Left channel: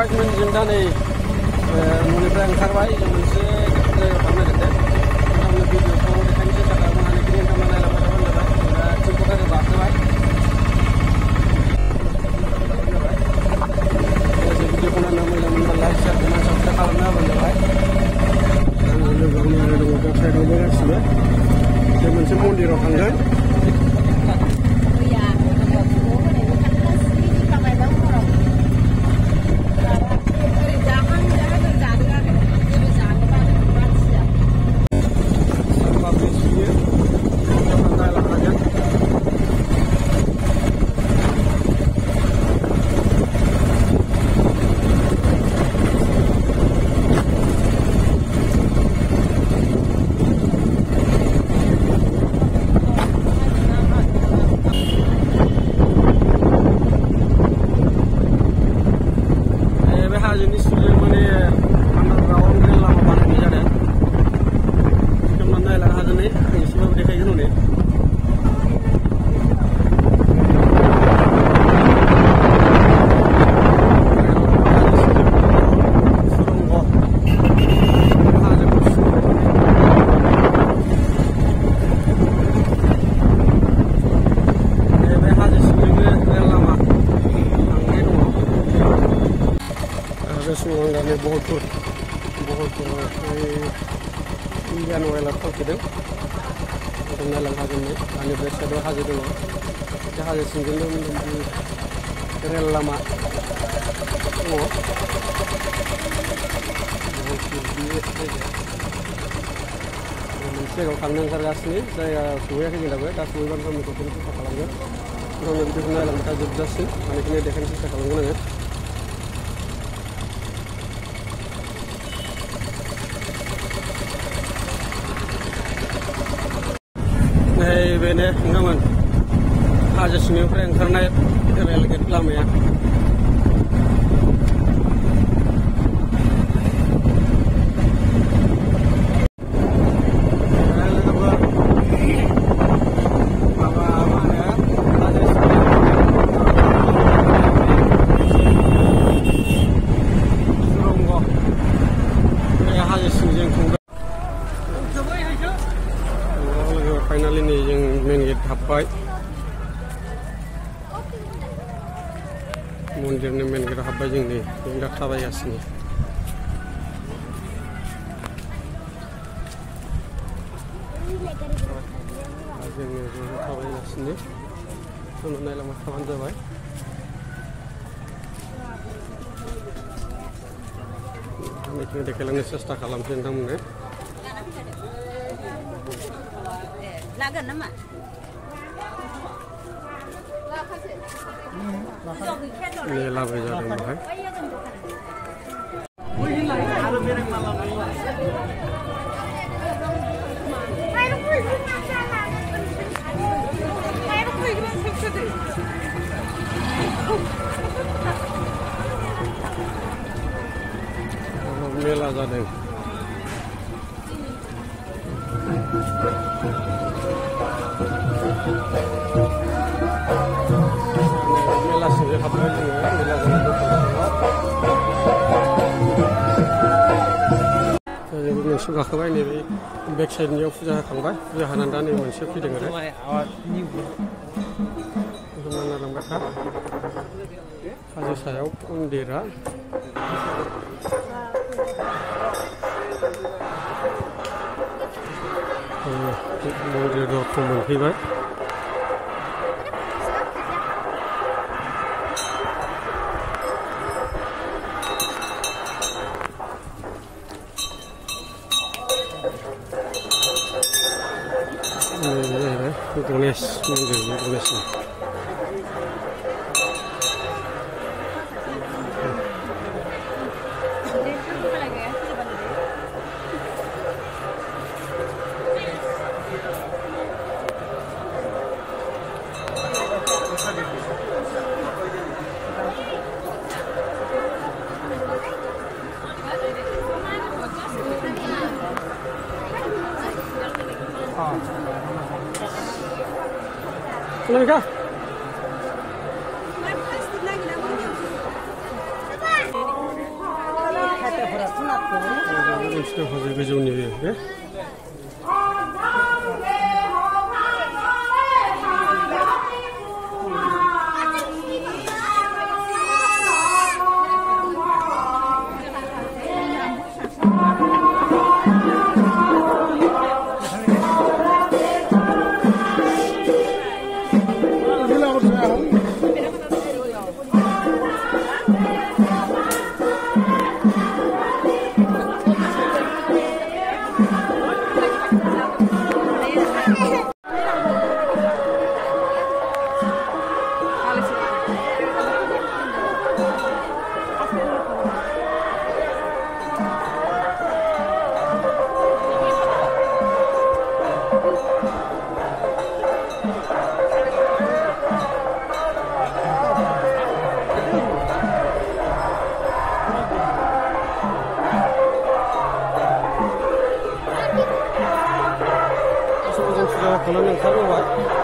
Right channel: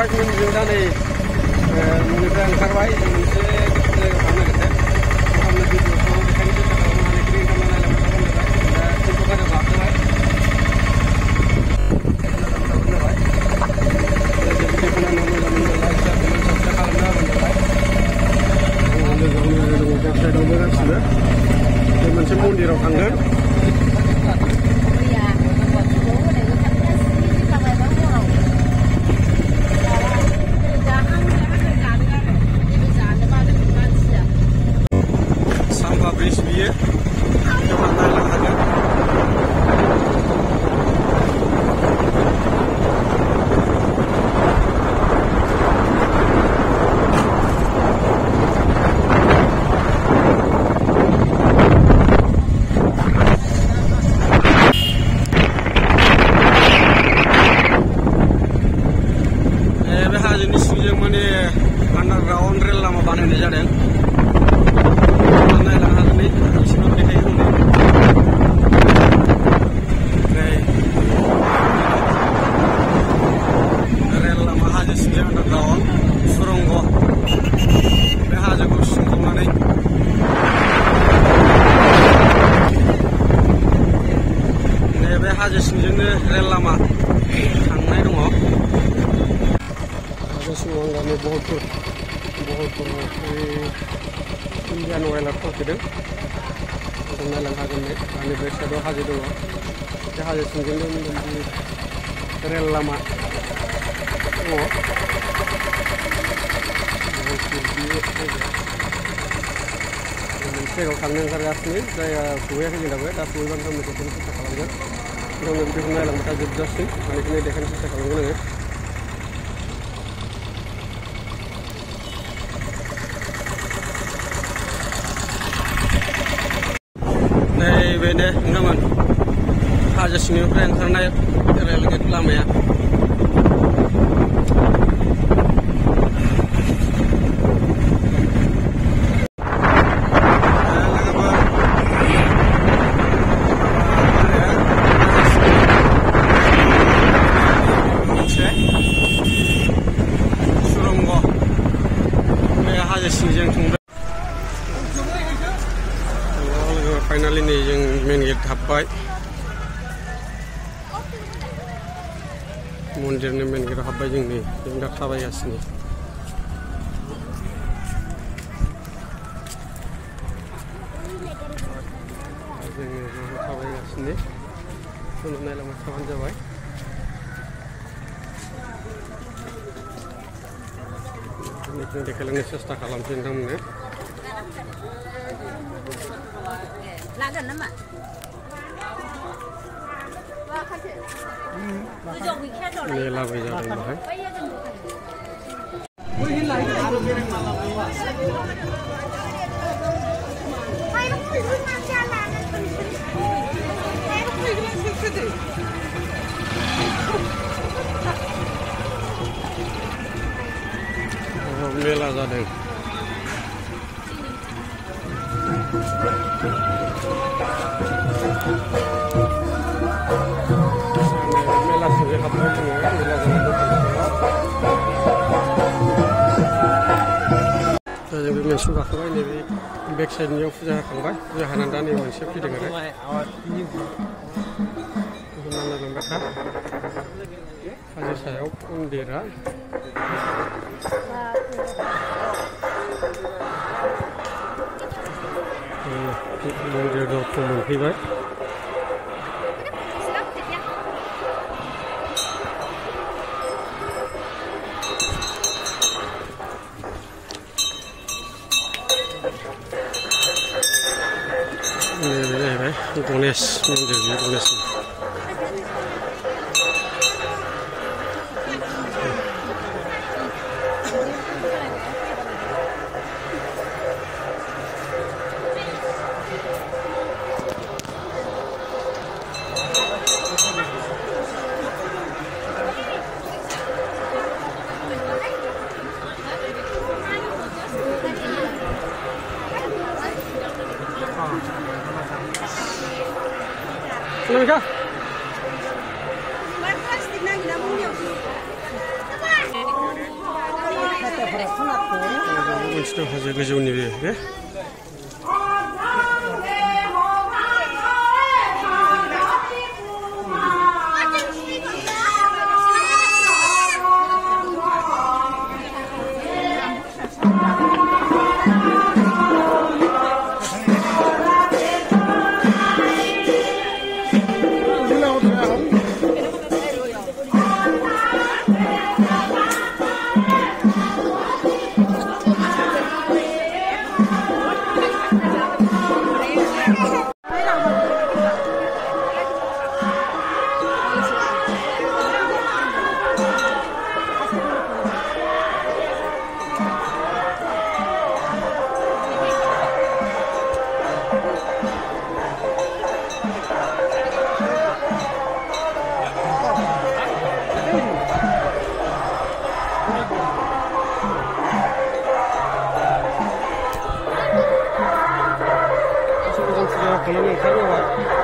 department जों दा नै न'निफ्राय ओंखारबाय मोनसे जायगायाव थांनो नागिरदों नोंथांनो भिडिअखौ देखायनो सेस्था खालामनो हानायखिनि नोंथांमोना नायलांबाय थाबानो जाबाय दा टिमखौ गाखोबाय जाबाय भिडिअखौ नायनो मोजां मोनब्ला लाइक शेयार कमेन्ट साबस्क्राइब खालामना होबानो जाबाय लोगोआवनो दङ बेक साइडआवबो गासिबो बे मोनसे मन्दिराव थांगोन ब्रिज बियो बे हाजोनि सिंजों माने आन्डारग्राउन्ड रेल लामा बानायनाय जादों नायलांनो हागोन नै नोंसिनाव देखायगोन हनै ओमफ्राय रेल लामा हाजो सिंजों आन्डारग्राउन्ड सुरंग बे हाजोखौ सिंखावनानै बे हाजो सिंजोंनो रेल लामा थांनाय दङ बे सिङाव गामि बहलपुर इन्डियान अइलाव थावखिदों नायलांनो हागोन नै आंनि बेक साइडआव हाजो दङ बे हाजो सिंजोंनो रेल लामा दङ मोनसे जायगायाव थांनो ओंखारगासिनो जायगा सहैयाखै जों दाबो दा सहैबा नोंथांमोननो बेखौनो सेस्था खालामगोन नोंथांमोन भिडिअखौ नायलांबाय था जोबजासिम बेनिखायनो देखायनो सेस्था खालामगोन आङो बेनो नोंथांमोन हाजो सिंनिफ्राय ओंखारनाय रेल गेट लामाया लोगोफोर मोनसे सुरंग बे हाजो सिंजों थांबाय फाइनालि नै जों मेन गेट हाबबाय मन्दिरनि मेन गेटआव हाबबाय जों नै जों दा थाबायगासिनो जोङो ज' थाबायगासिनो उनाव नायलांबाय थाबानो जाबाय बेखौ देखायलांनो सेस्था खालामसै नोंथांमोननो मेलाबो जादों बेहाय मेला जादों मेला सिंजों हाबबाय जोङो मेला जानाय दखान दा जों बे मोनसेयाव गाखोबाय नैबे बेक साइडनियाव फुजा होखांबाय फुजा होनानै दा नै मोनसे फैदों आरो बेखौ नायलांबाय था हाजो सायाव मन्दिरा मन्दिर दरखं मोनफैबाय जाहैबाय गणेश मन्दिर बे गणेशनि मोनसे दं हाजो गोजौनि बे Kalau